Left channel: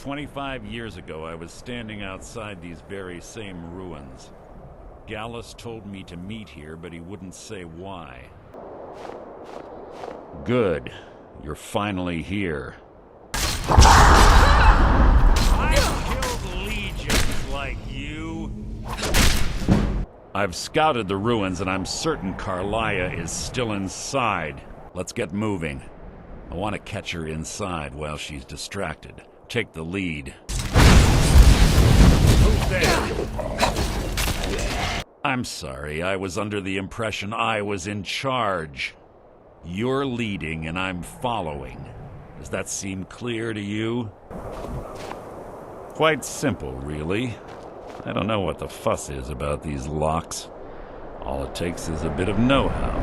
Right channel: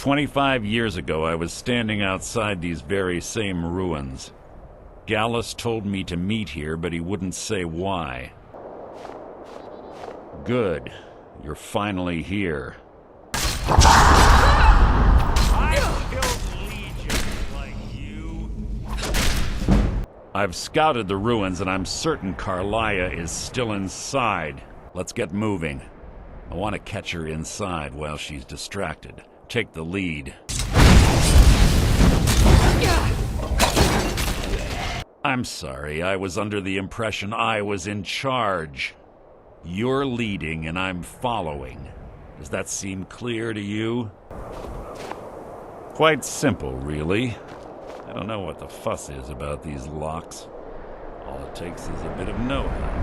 25 years ago, I was standing outside these very same ruins. Gallus told me to meet here, but he wouldn't say why. Good. You're finally here. I've killed legions like you. I've scouted the ruins, and I'm certain Carlia is still inside. Let's get moving. I want to catch her inside while she's distracted. Take the lead. I'm sorry, I was under the impression I was in charge. You're leading and I'm following. Does that seem clear to you? Quite simple, really. I don't know what the fuss is about these locks. All it takes is a bit of know-how,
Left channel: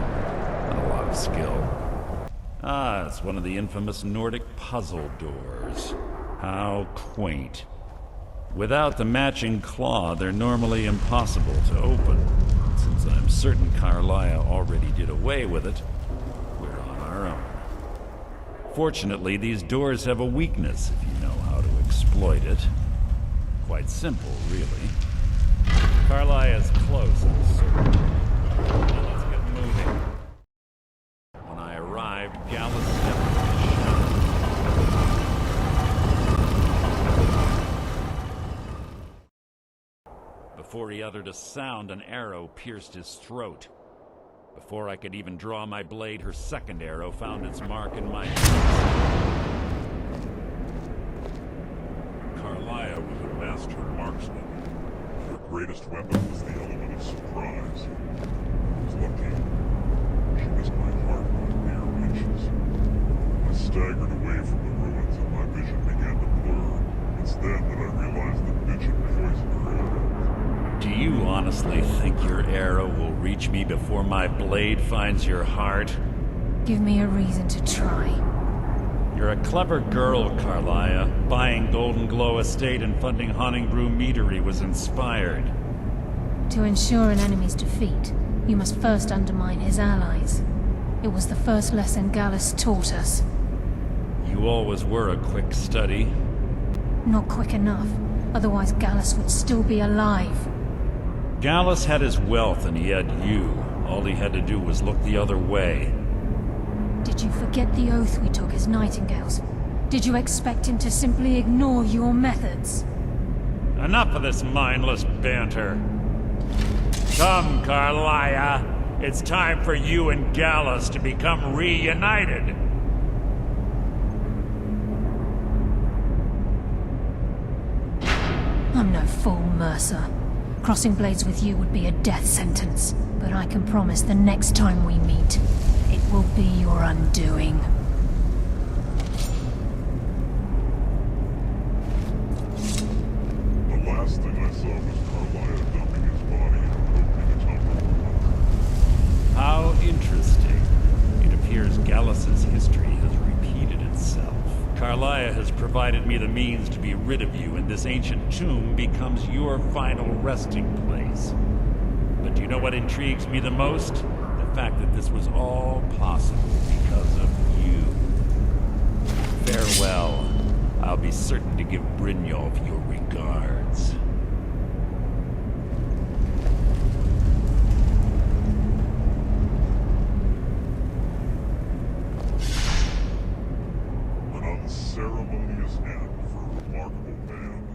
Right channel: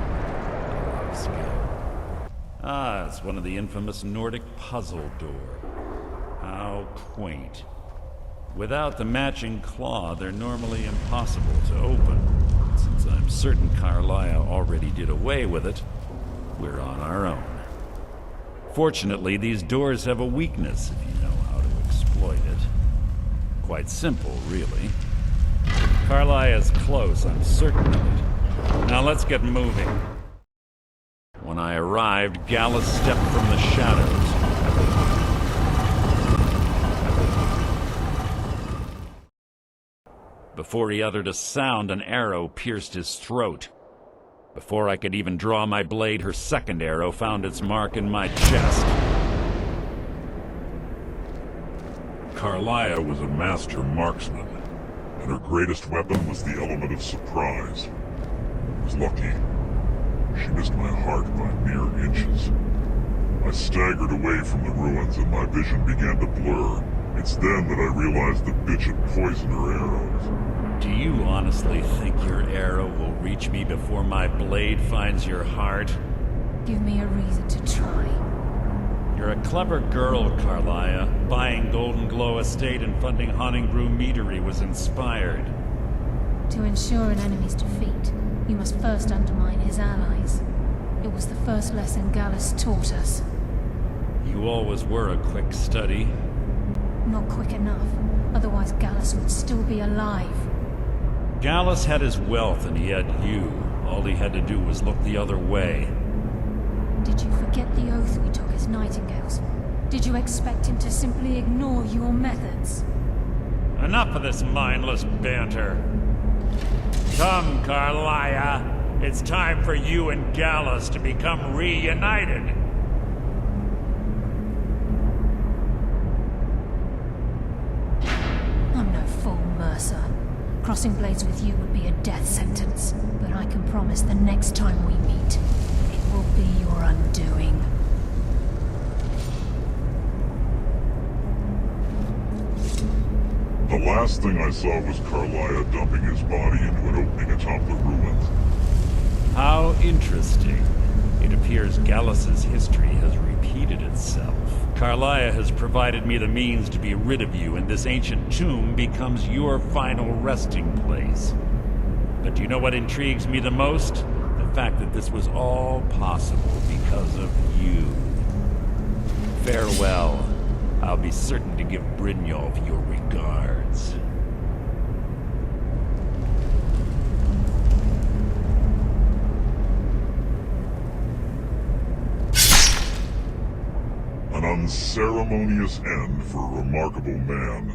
and a lot of skill. Ah, it's one of the infamous Nordic puzzle doors. How quaint. Without the matching claw, they're normally impossible to open. Since I'm certain Carlia already did away with it, we're on our own. Fortunately, these doors have a weakness if you know how to exploit it. Quite simple, really. Carlia's close, I'm certain of it. Now let's get moving. When I arrived, Gallus stepped from the shadows. Before he uttered a sound, an arrow pierced his throat. Before I could even draw my blade, her second arrow found its mark in my chest. Carlia was a master marksman, and her greatest weapon was the element of surprise. I was lucky. She missed my heart by mere inches. I staggered away from the ruins and my vision began to blur. It's then that I realized the bitch had poisoned her arrows. Do you honestly think your arrow will reach me before my blade finds your heart? Give me a reason to try. You're a clever girl, Carlia. Buying Golden Glow Estate and funding Honningbrew Meadery was inspired. To ensure an enemy's defeat, you must first undermine his allies. It was the first lesson Gallus taught us. You always were a quick study. Not quick enough, otherwise Gallus would still be alive. Gallus had his wealth and he had you. All he had to do was look the other way. Did you forget the oath we took as Nightingales? Did you expect him to simply ignore your methods? Enough of this mindless banter. Come, Carlia. It's time for you and Gallus to become reunited. I'm no fool, Mercer. Crossing blades with you would be a death sentence. But I can promise the next time we meet, it will be your undoing. The last thing I saw was Carlia dumping his body into an opening atop the ruins. How interesting. It appears Gallus's history has repeated itself. Carlia has provided me the means to be rid of you, and this ancient tomb becomes your final resting place. But do you know what intrigues me the most? The fact that this was all possible because of you. Farewell. I'll be certain to give Brynjolf your regards. An unceremonious end for a remarkable man.